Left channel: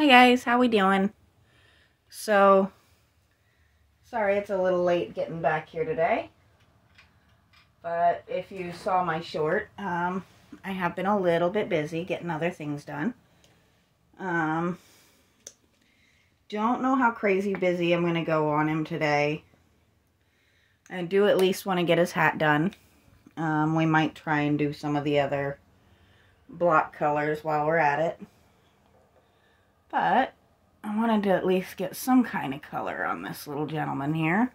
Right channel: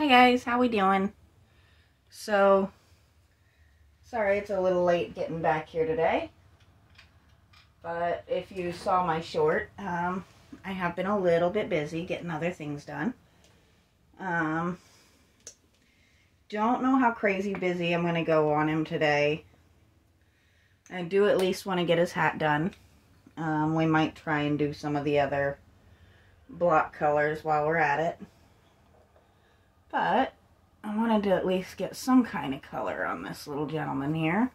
Hi guys, how we doing? So, sorry it's a little late getting back here today, but if you saw my short, I have been a little bit busy getting other things done. Don't know how crazy busy I'm going to go on him today. I do at least want to get his hat done. We might try and do some of the other block colors while we're at it. But I wanted to at least get some kind of color on this little gentleman here.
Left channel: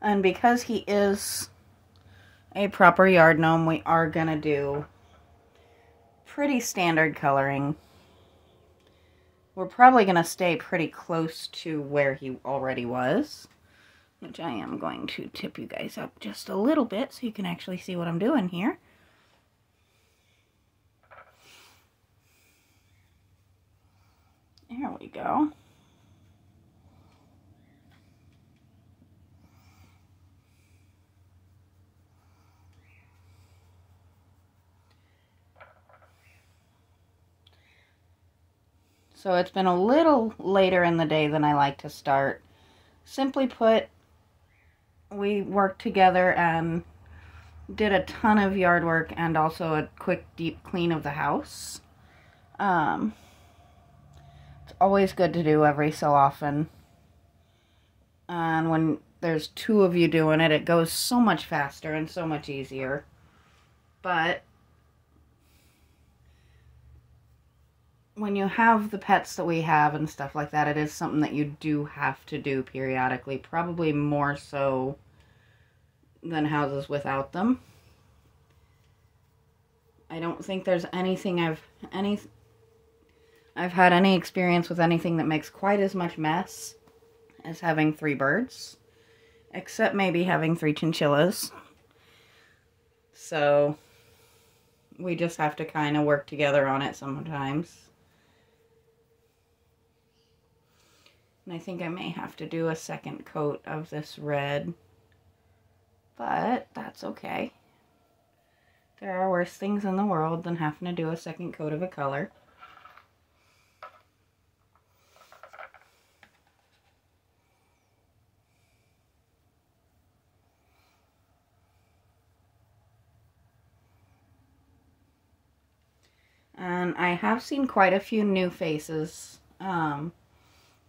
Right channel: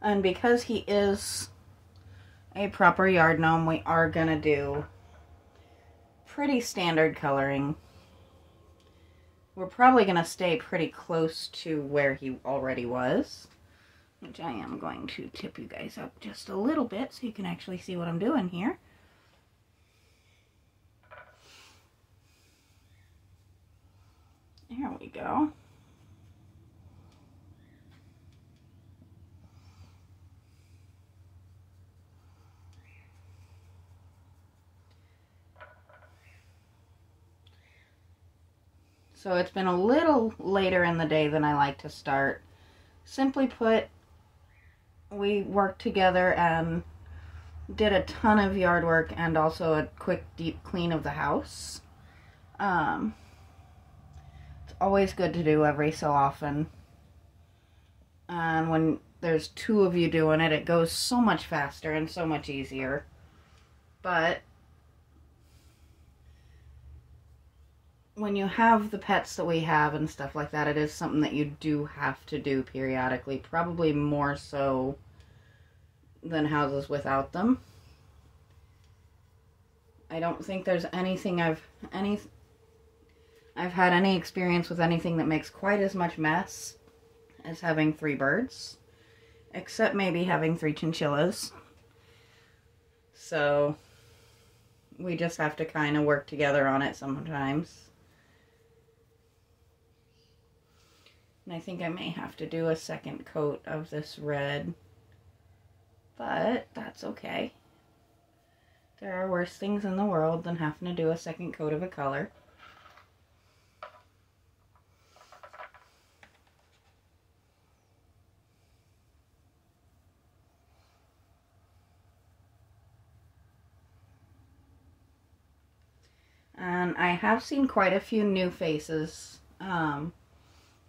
And because he is a proper yard gnome, we are going to do pretty standard coloring. We're probably going to stay pretty close to where he already was, which I am going to tip you guys up just a little bit so you can actually see what I'm doing here. There we go. So it's been a little later in the day than I like to start. Simply put, we worked together and did a ton of yard work and also a quick deep clean of the house. It's always good to do every so often. And when there's two of you doing it, it goes so much faster and so much easier. But when you have the pets that we have and stuff like that, it is something that you do have to do periodically, probably more so than houses without them. I don't think there's anything I've had any experience with anything that makes quite as much mess as having 3 birds, except maybe having 3 chinchillas. So we just have to kind of work together on it sometimes. And I think I may have to do a second coat of this red, but that's okay. There are worse things in the world than having to do a second coat of a color. And I have seen quite a few new faces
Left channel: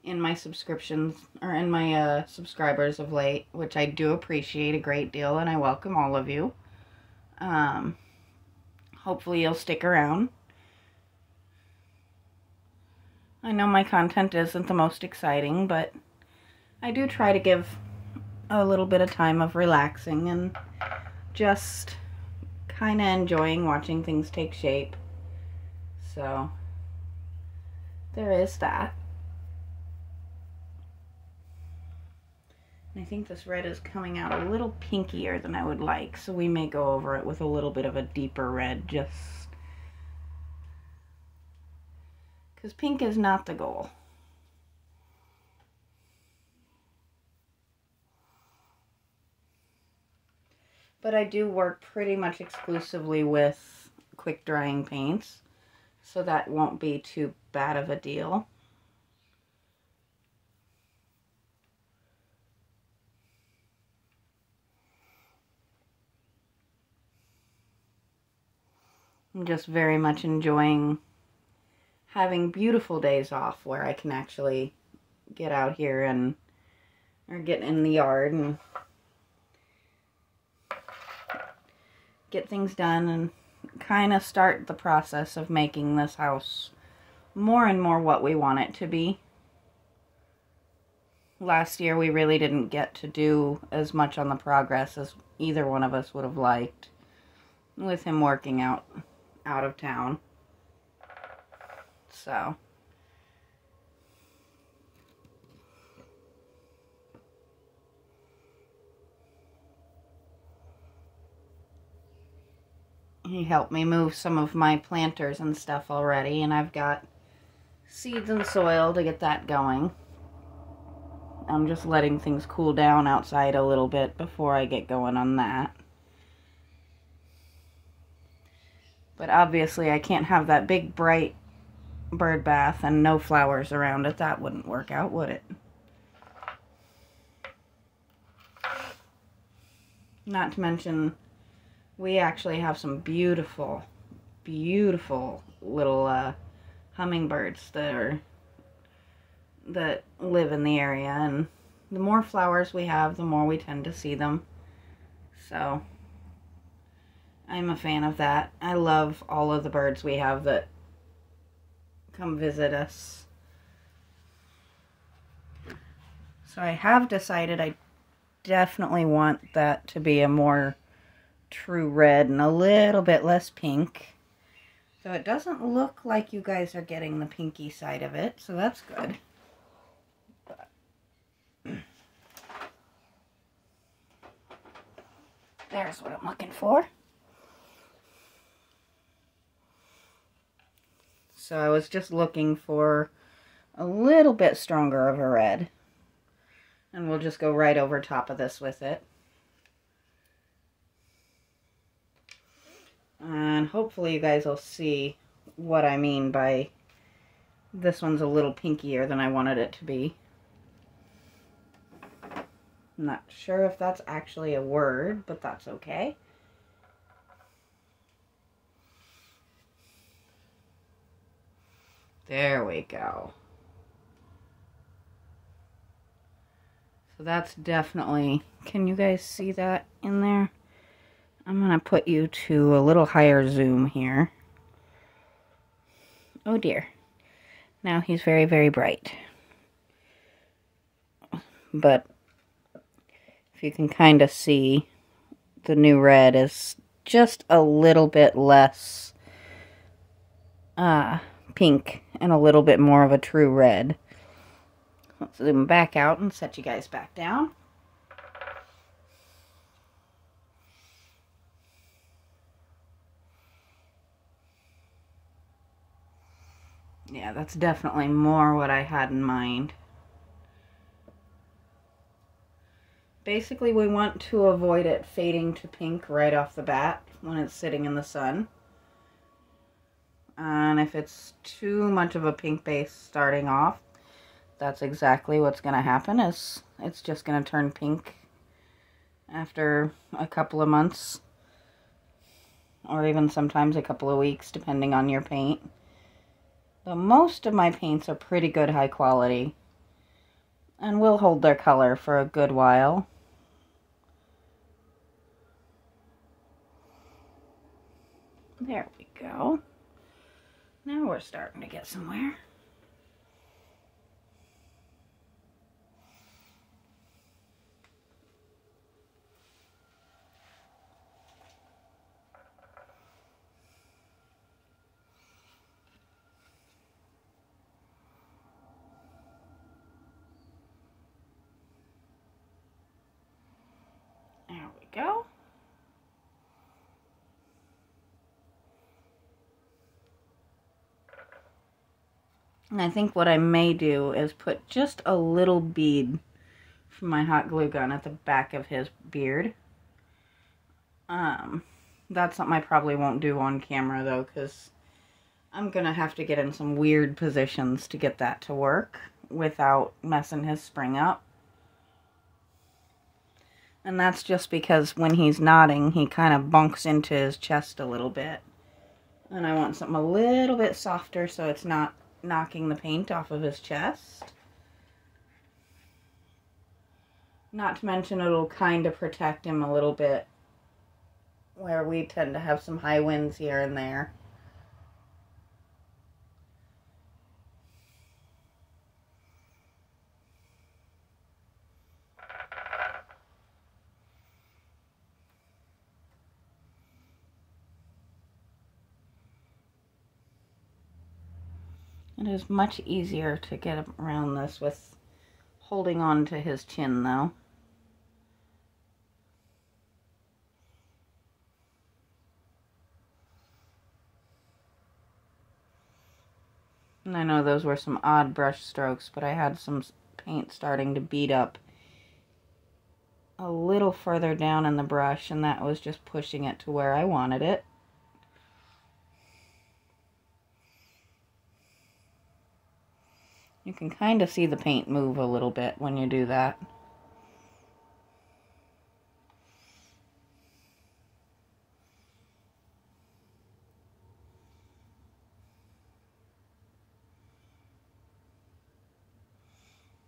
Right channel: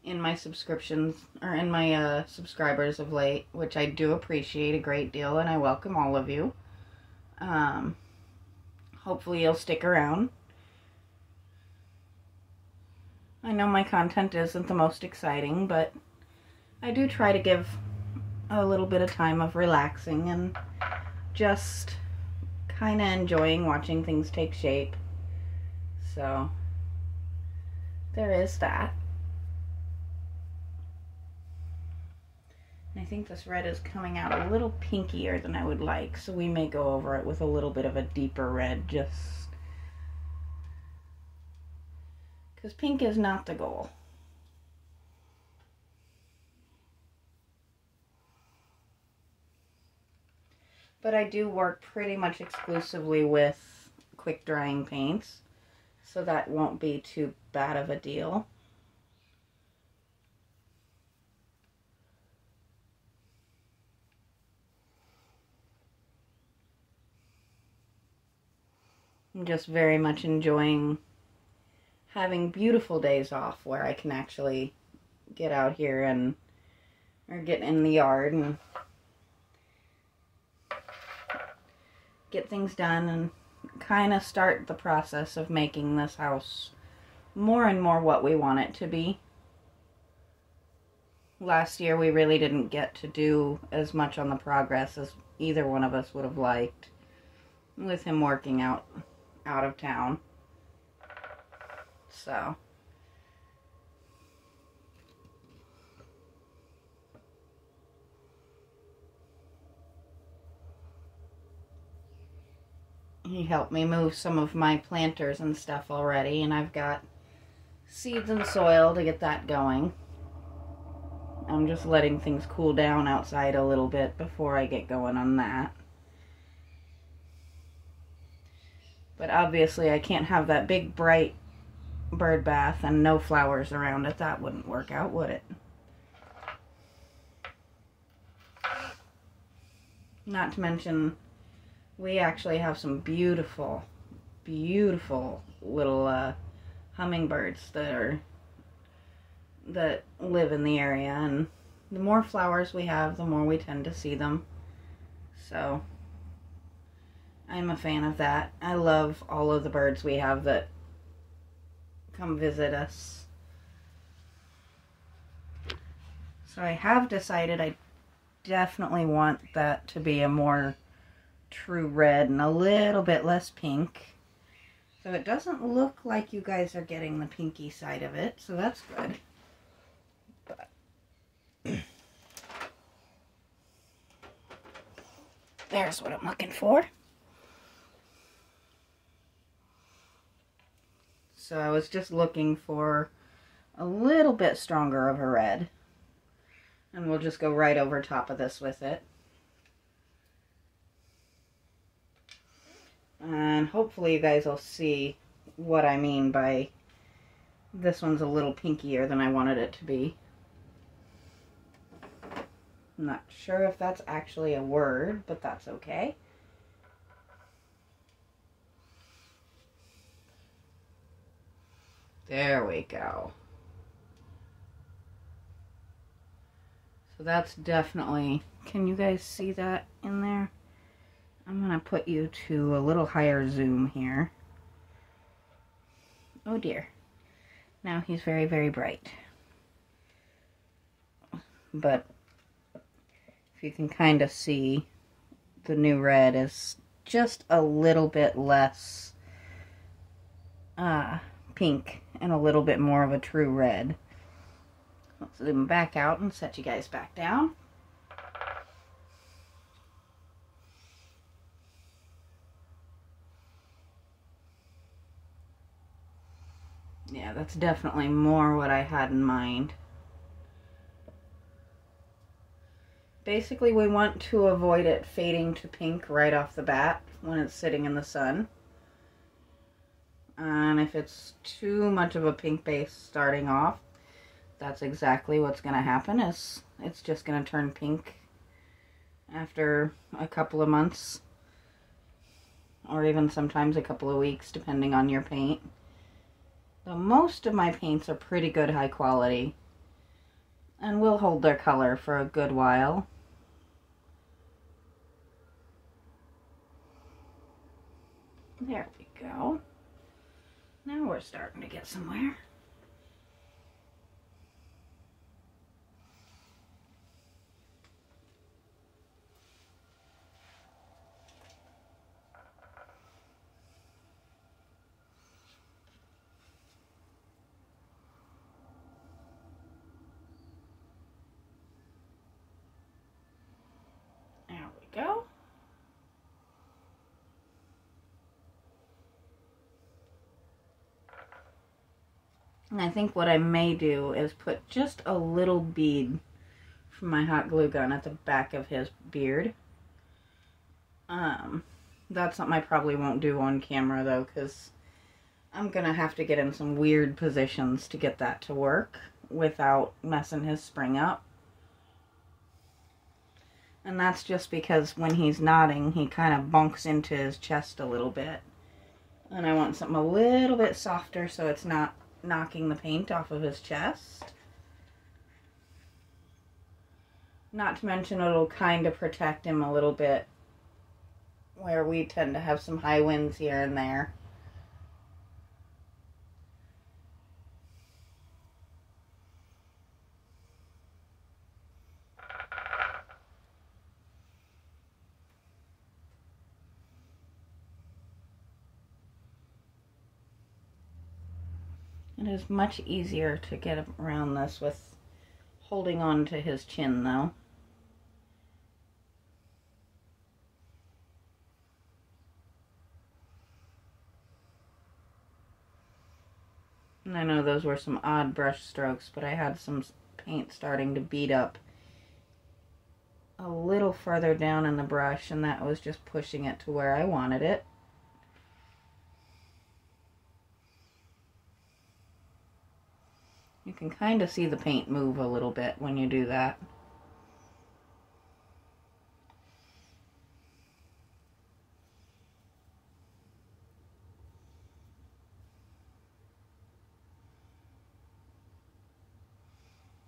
in my subscriptions, or in my subscribers of late, which I do appreciate a great deal, and I welcome all of you. Hopefully you'll stick around. I know my content isn't the most exciting, but I do try to give a little bit of time of relaxing and just kind of enjoying watching things take shape. So there is that. I think this red is coming out a little pinkier than I would like, so we may go over it with a little bit of a deeper red, just because pink is not the goal. But I do work pretty much exclusively with quick drying paints, so that won't be too bad of a deal. I'm just very much enjoying having beautiful days off where I can actually get out here or get in the yard and get things done and kind of start the process of making this house more and more what we want it to be. Last year we really didn't get to do as much on the progress as either one of us would have liked, with him working out of town. So he helped me move some of my planters and stuff already, and I've got seeds and soil to get that going. I'm just letting things cool down outside a little bit before I get going on that. But obviously I can't have that big bright bird bath and no flowers around it. That wouldn't work out, would it? Not to mention, we actually have some beautiful, beautiful little hummingbirds that live in the area, and the more flowers we have, the more we tend to see them. So I'm a fan of that. I love all of the birds we have that come visit us. So I have decided I definitely want that to be a more true red and a little bit less pink. So it doesn't look like you guys are getting the pinky side of it, so that's good. But there's what I'm looking for. So I was just looking for a little bit stronger of a red. And we'll just go right over top of this with it. And hopefully you guys will see what I mean by this one's a little pinkier than I wanted it to be. I'm not sure if that's actually a word, but that's okay. There we go. So that's definitely, can you guys see that in there? I'm going to put you to a little higher zoom here. Oh dear. Now he's very, very bright. But if you can kind of see, the new red is just a little bit less pink and a little bit more of a true red. Let's zoom back out and set you guys back down. Yeah, that's definitely more what I had in mind. Basically, we want to avoid it fading to pink right off the bat when it's sitting in the sun. And if it's too much of a pink base starting off, that's exactly what's going to happen, is it's just going to turn pink after a couple of months, or even sometimes a couple of weeks, depending on your paint. So most of my paints are pretty good high quality and will hold their color for a good while. There we go. Now we're starting to get somewhere. There we go. And I think what I may do is put just a little bead from my hot glue gun at the back of his beard. That's something I probably won't do on camera though, because I'm gonna have to get in some weird positions to get that to work without messing his spring up. And that's just because when he's nodding, he kind of bunks into his chest a little bit. And I want something a little bit softer so it's not knocking the paint off of his chest. Not to mention it'll kind of protect him a little bit where we tend to have some high winds here and there. It is much easier to get around this with holding on to his chin though. And I know those were some odd brush strokes, but I had some paint starting to bead up a little further down in the brush, and that was just pushing it to where I wanted it. You can kind of see the paint move a little bit when you do that.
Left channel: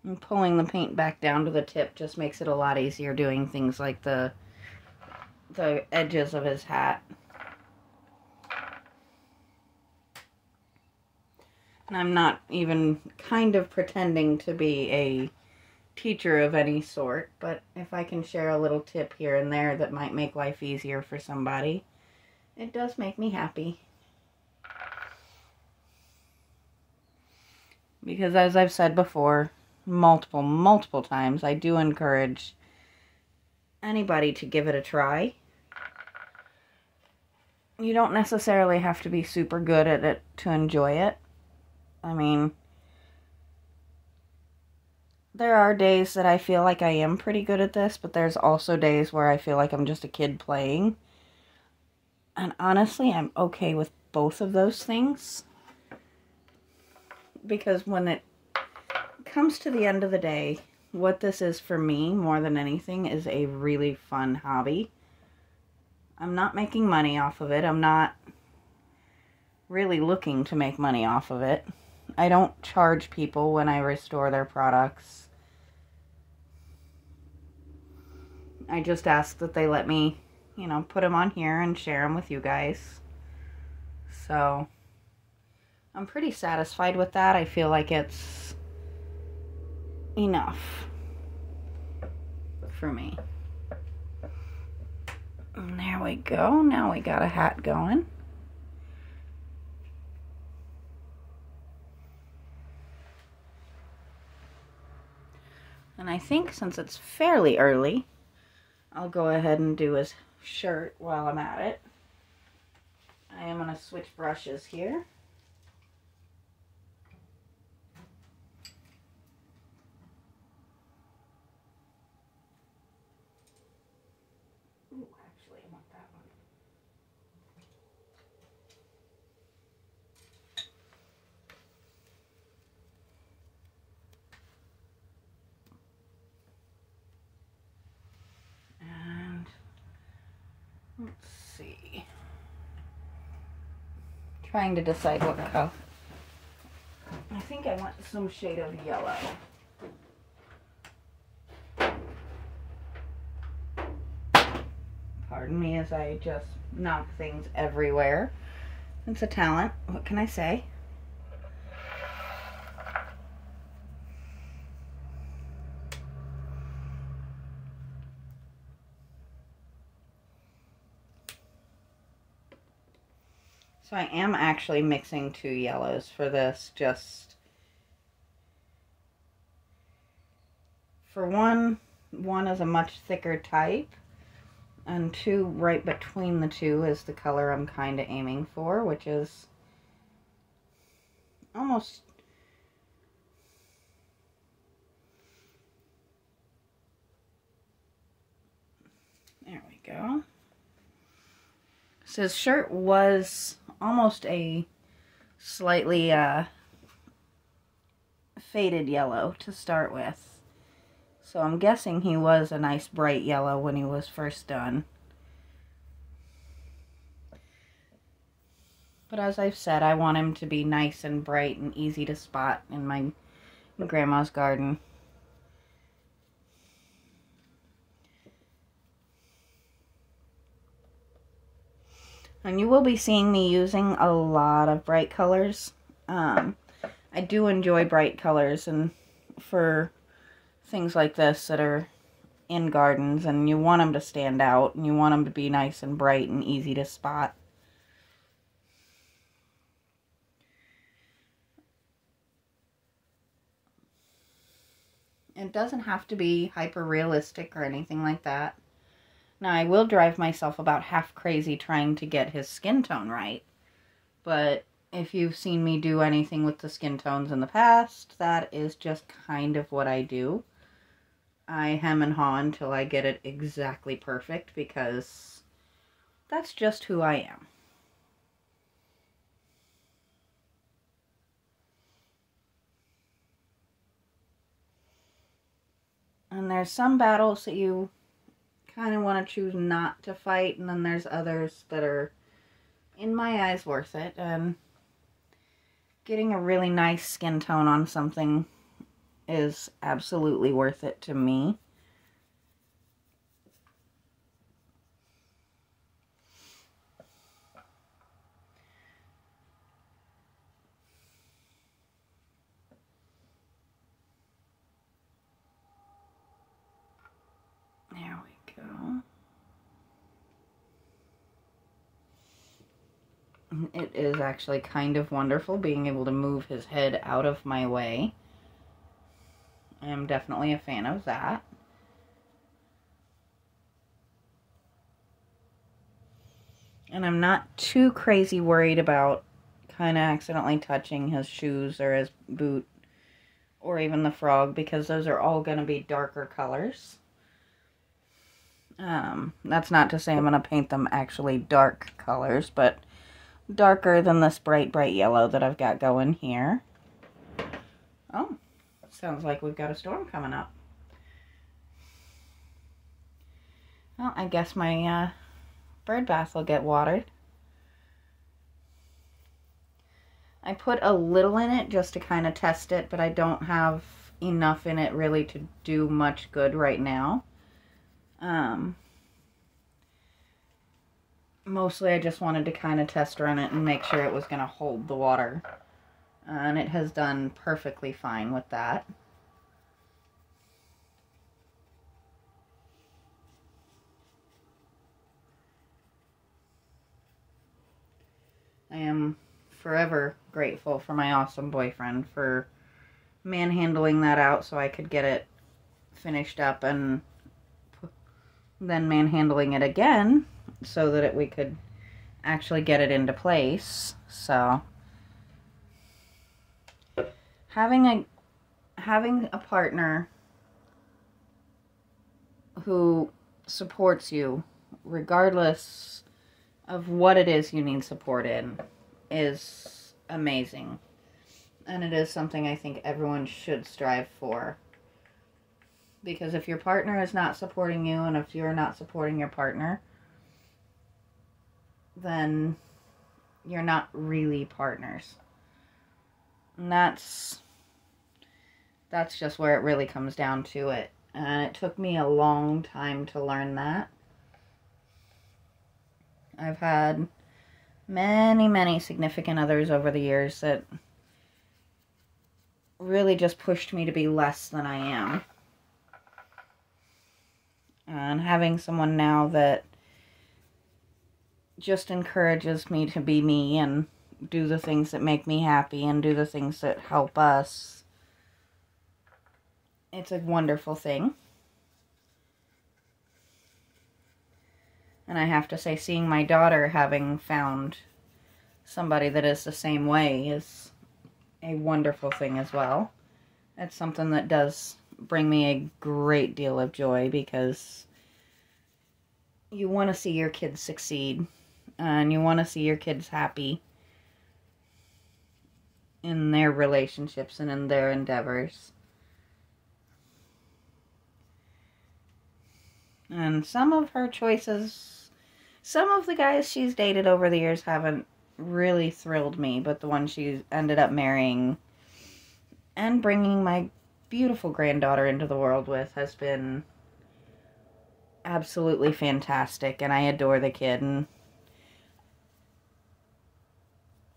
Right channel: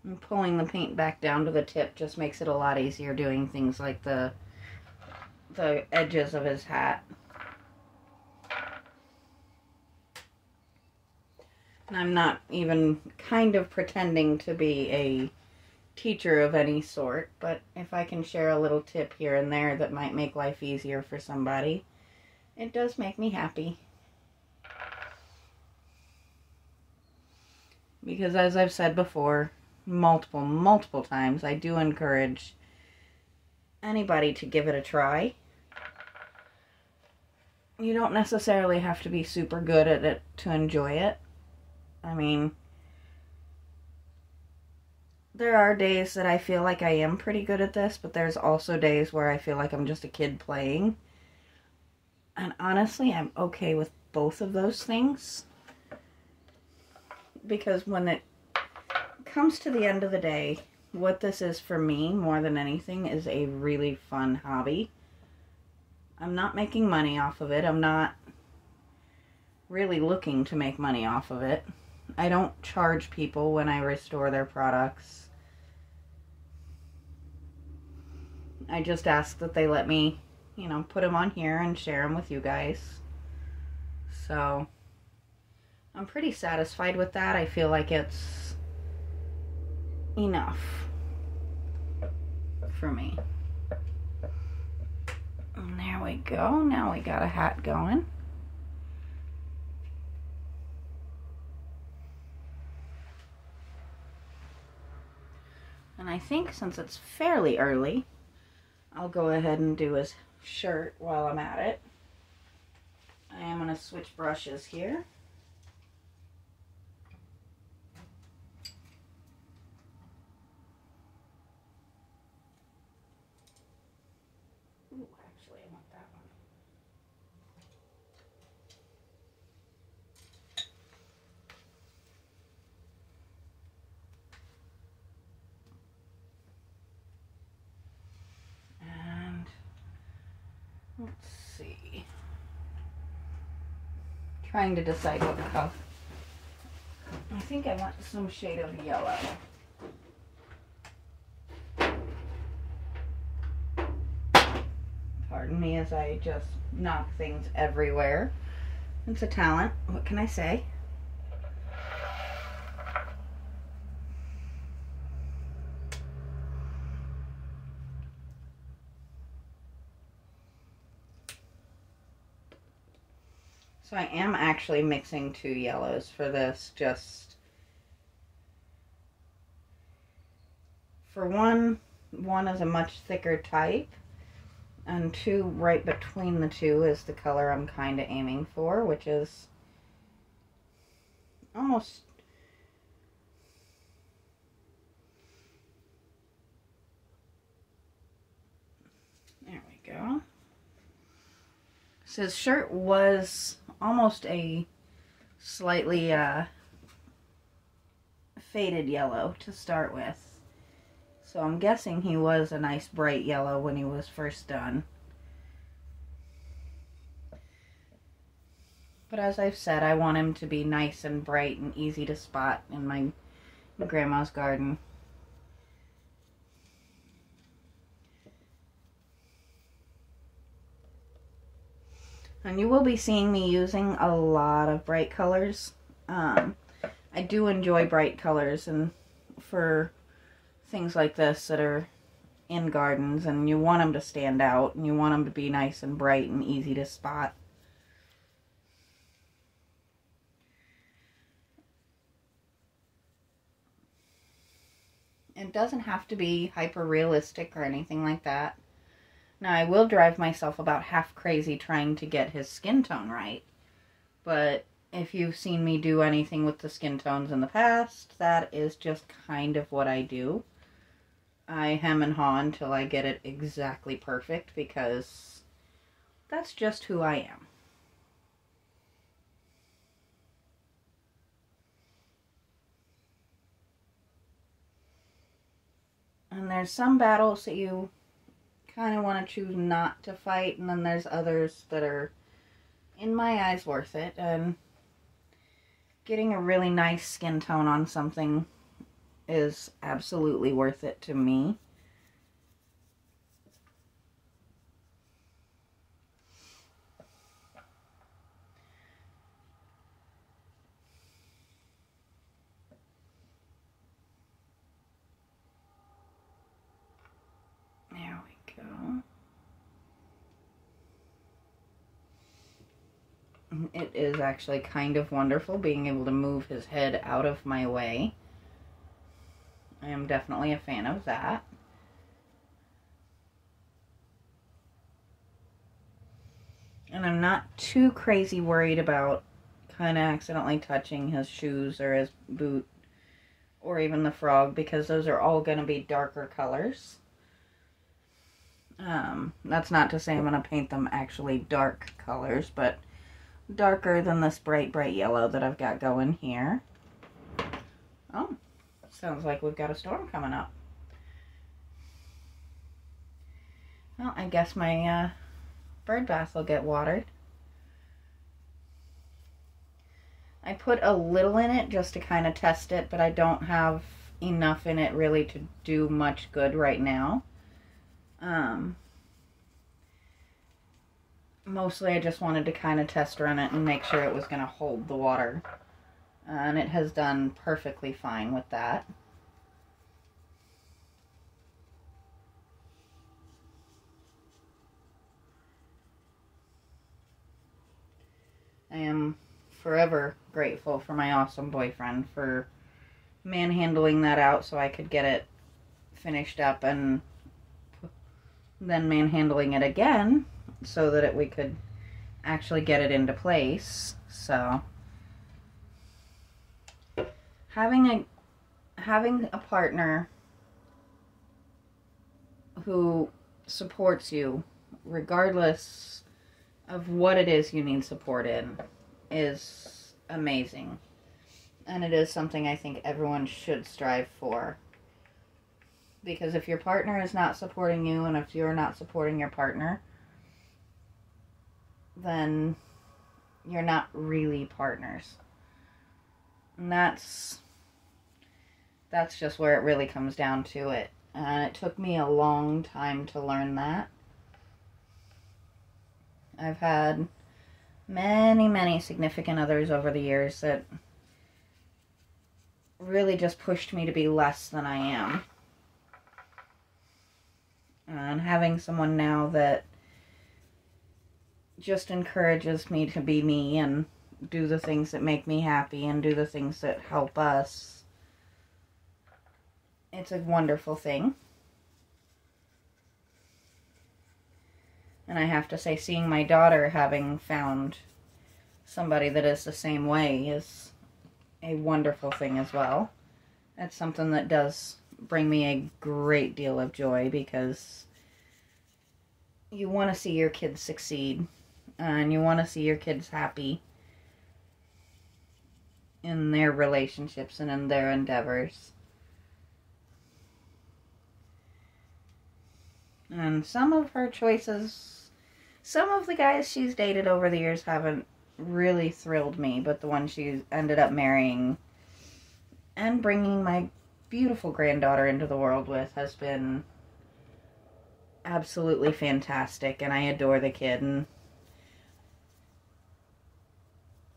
And pulling the paint back down to the tip just makes it a lot easier doing things like the edges of his hat. And I'm not even kind of pretending to be a teacher of any sort, but if I can share a little tip here and there that might make life easier for somebody, it does make me happy. Because as I've said before, multiple times, I do encourage anybody to give it a try. You don't necessarily have to be super good at it to enjoy it. I mean, there are days that I feel like I am pretty good at this, but there's also days where I feel like I'm just a kid playing. And honestly, I'm okay with both of those things. Because when it comes to the end of the day, what this is for me, more than anything, is a really fun hobby. I'm not making money off of it. I'm not really looking to make money off of it. I don't charge people when I restore their products. I just ask that they let me, you know, put them on here and share them with you guys. So, I'm pretty satisfied with that. I feel like it's enough for me. And there we go. Now we got a hat going. And I think since it's fairly early, I'll go ahead and do his shirt while I'm at it. I am going to switch brushes here. Ooh, actually, I want that one. And let's see. Trying to decide what color. I think I want some shade of yellow. Pardon me as I just knock things everywhere. It's a talent. What can I say? So I am actually mixing two yellows for this, just for one is a much thicker type, and two, right between the two, is the color I'm kind of aiming for, which is almost, there we go. So his shirt was almost a slightly faded yellow to start with. So I'm guessing he was a nice bright yellow when he was first done. But as I've said, I want him to be nice and bright and easy to spot in my grandma's garden. And you will be seeing me using a lot of bright colors. I do enjoy bright colors, and for things like this that are in gardens, and you want them to stand out, and you want them to be nice and bright and easy to spot. It doesn't have to be hyper realistic or anything like that. Now, I will drive myself about half crazy trying to get his skin tone right, but if you've seen me do anything with the skin tones in the past, that is just kind of what I do. I hem and haw until I get it exactly perfect, because that's just who I am. And there's some battles that you kind of want to choose not to fight, and then there's others that are, in my eyes, worth it. And getting a really nice skin tone on something is absolutely worth it to me. There we go. It is actually kind of wonderful being able to move his head out of my way. I am definitely a fan of that. And I'm not too crazy worried about kind of accidentally touching his shoes or his boot or even the frog, because those are all going to be darker colors. That's not to say I'm going to paint them actually dark colors, but darker than this bright yellow that I've got going here. Oh, sounds like we've got a storm coming up. Well, I guess my bird bath will get watered. I put a little in it just to kind of test it, but I don't have enough in it really to do much good right now. Mostly I just wanted to kind of test run it and make sure it was going to hold the water. And it has done perfectly fine with that. I am forever grateful for my awesome boyfriend for manhandling that out so I could get it finished up, and then manhandling it again so that we could actually get it into place. So having a partner who supports you regardless of what it is you need support in is amazing. And it is something I think everyone should strive for. Because if your partner is not supporting you, and if you're not supporting your partner, then you're not really partners. And that's just where it really comes down to it. And it took me a long time to learn that. I've had many significant others over the years that really just pushed me to be less than I am. And having someone now that just encourages me to be me and do the things that make me happy and do the things that help us, it's a wonderful thing. And I have to say, seeing my daughter having found somebody that is the same way is a wonderful thing as well. It's something that does bring me a great deal of joy, because you want to see your kids succeed and you want to see your kids happy in their relationships and in their endeavors. And some of her choices, some of the guys she's dated over the years haven't really thrilled me, but the one she ended up marrying and bringing my beautiful granddaughter into the world with has been absolutely fantastic, and I adore the kid. And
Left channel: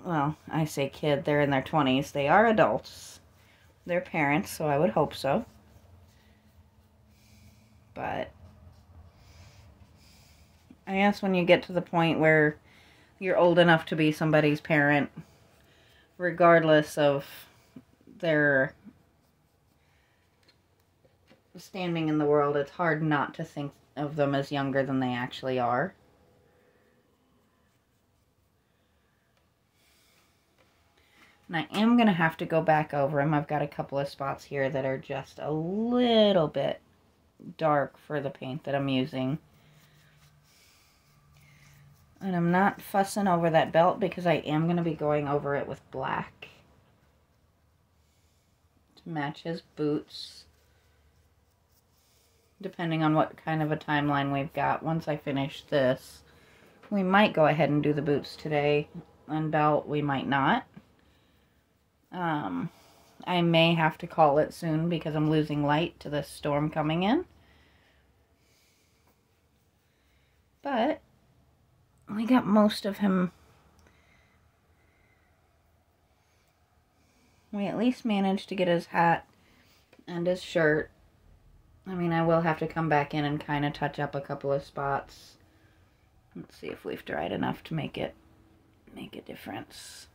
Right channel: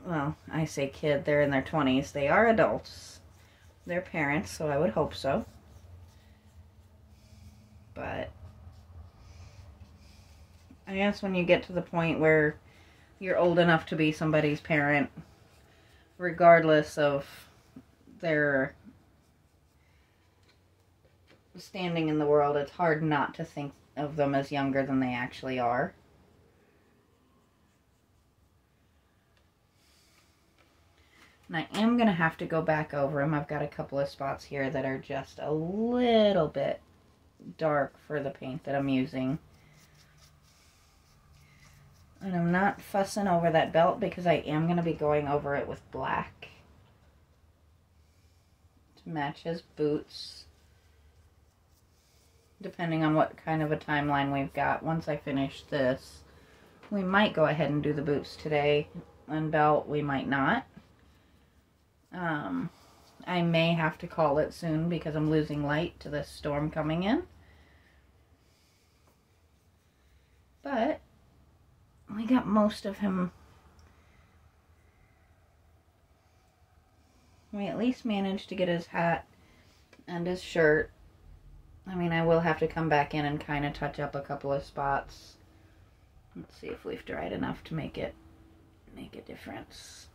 well, I say kid, they're in their 20s. They are adults. They're parents, so I would hope so. But I guess when you get to the point where you're old enough to be somebody's parent, regardless of their standing in the world, it's hard not to think of them as younger than they actually are. And I am going to have to go back over them. I've got a couple of spots here that are just a little bit dark for the paint that I'm using. And I'm not fussing over that belt because I am going to be going over it with black to match his boots. depending on what kind of a timeline we've got. Once I finish this, we might go ahead and do the boots today, and belt we might not. I may have to call it soon because I'm losing light to this storm coming in. But we got most of him. We at least managed to get his hat and his shirt. I mean, I will have to come back in and kind of touch up a couple of spots. Let's see if we've dried enough to make a difference.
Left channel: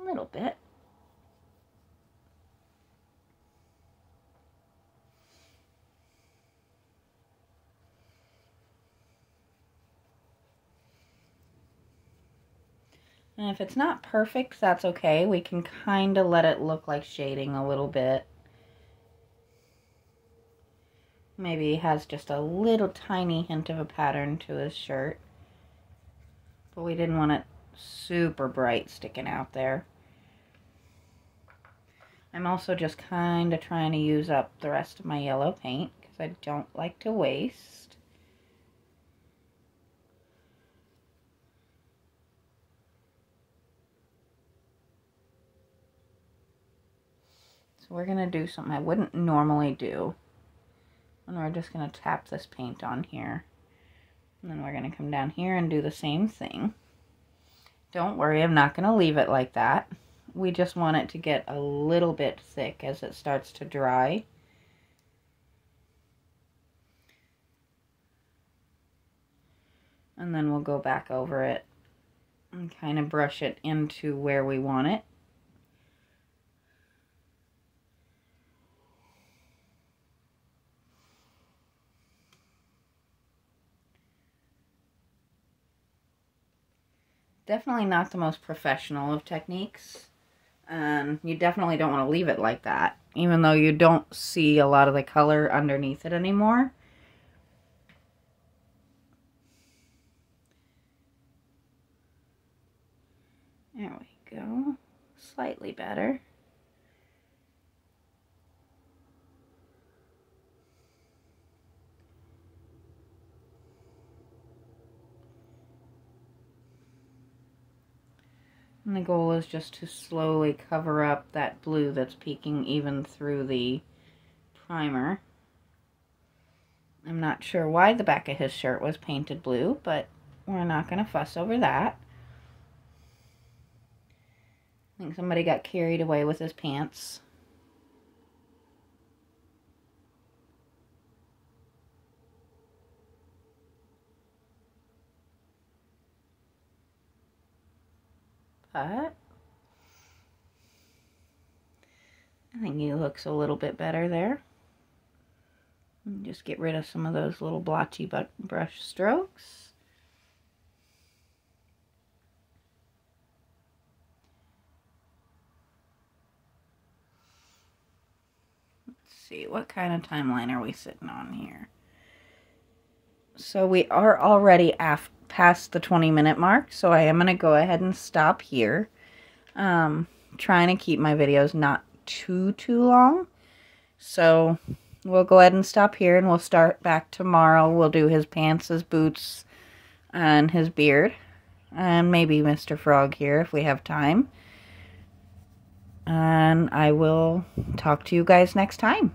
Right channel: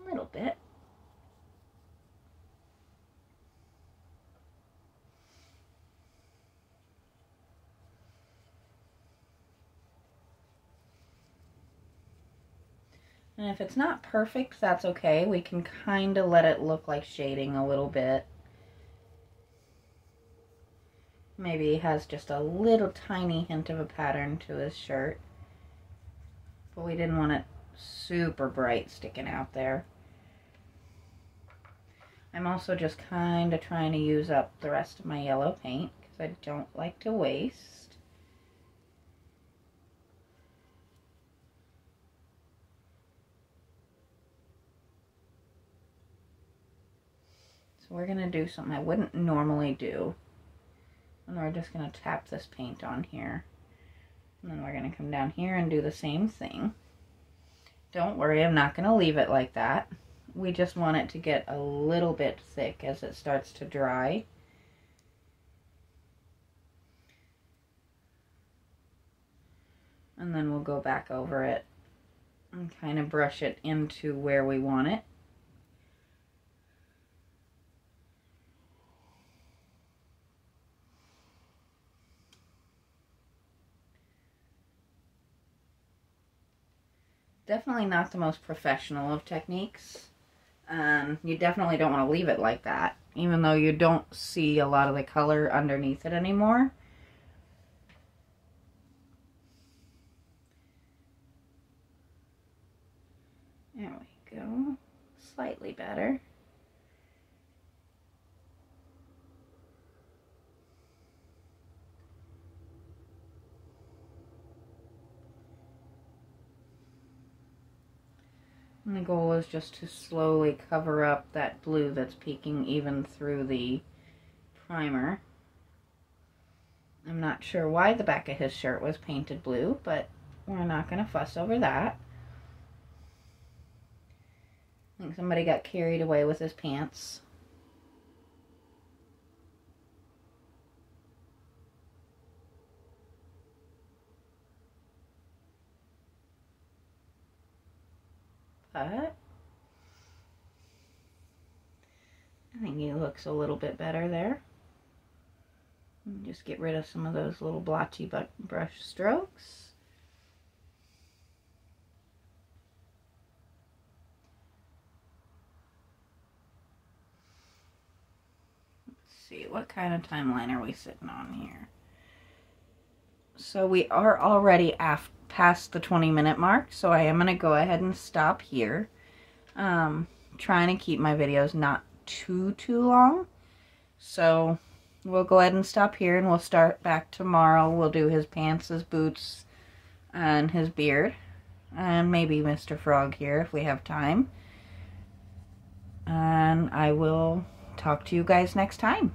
A little bit. And if it's not perfect, that's okay. We can kind of let it look like shading a little bit. Maybe he has just a little tiny hint of a pattern to his shirt. But we didn't want it super bright sticking out there. I'm also just kind of trying to use up the rest of my yellow paint because I don't like to waste. So we're going to do something I wouldn't normally do. And we're just going to tap this paint on here. And then we're going to come down here and do the same thing. Don't worry, I'm not going to leave it like that. We just want it to get a little bit thick as it starts to dry. And then we'll go back over it and kind of brush it into where we want it. Definitely not the most professional of techniques. And you definitely don't want to leave it like that, even though you don't see a lot of the color underneath it anymore. There we go. Slightly better. And the goal is just to slowly cover up that blue that's peeking even through the primer. I'm not sure why the back of his shirt was painted blue, but we're not going to fuss over that. I think somebody got carried away with his pants. But I think he looks a little bit better there. Just get rid of some of those little blotchy brush strokes. Let's see, what kind of timeline are we sitting on here? So we are already past the 20-minute mark, so I am going to go ahead and stop here. Trying to keep my videos not too long. So we'll go ahead and stop here, and we'll start back tomorrow. We'll do his pants, his boots, and his beard. And maybe Mr. Frog here if we have time. And I will talk to you guys next time.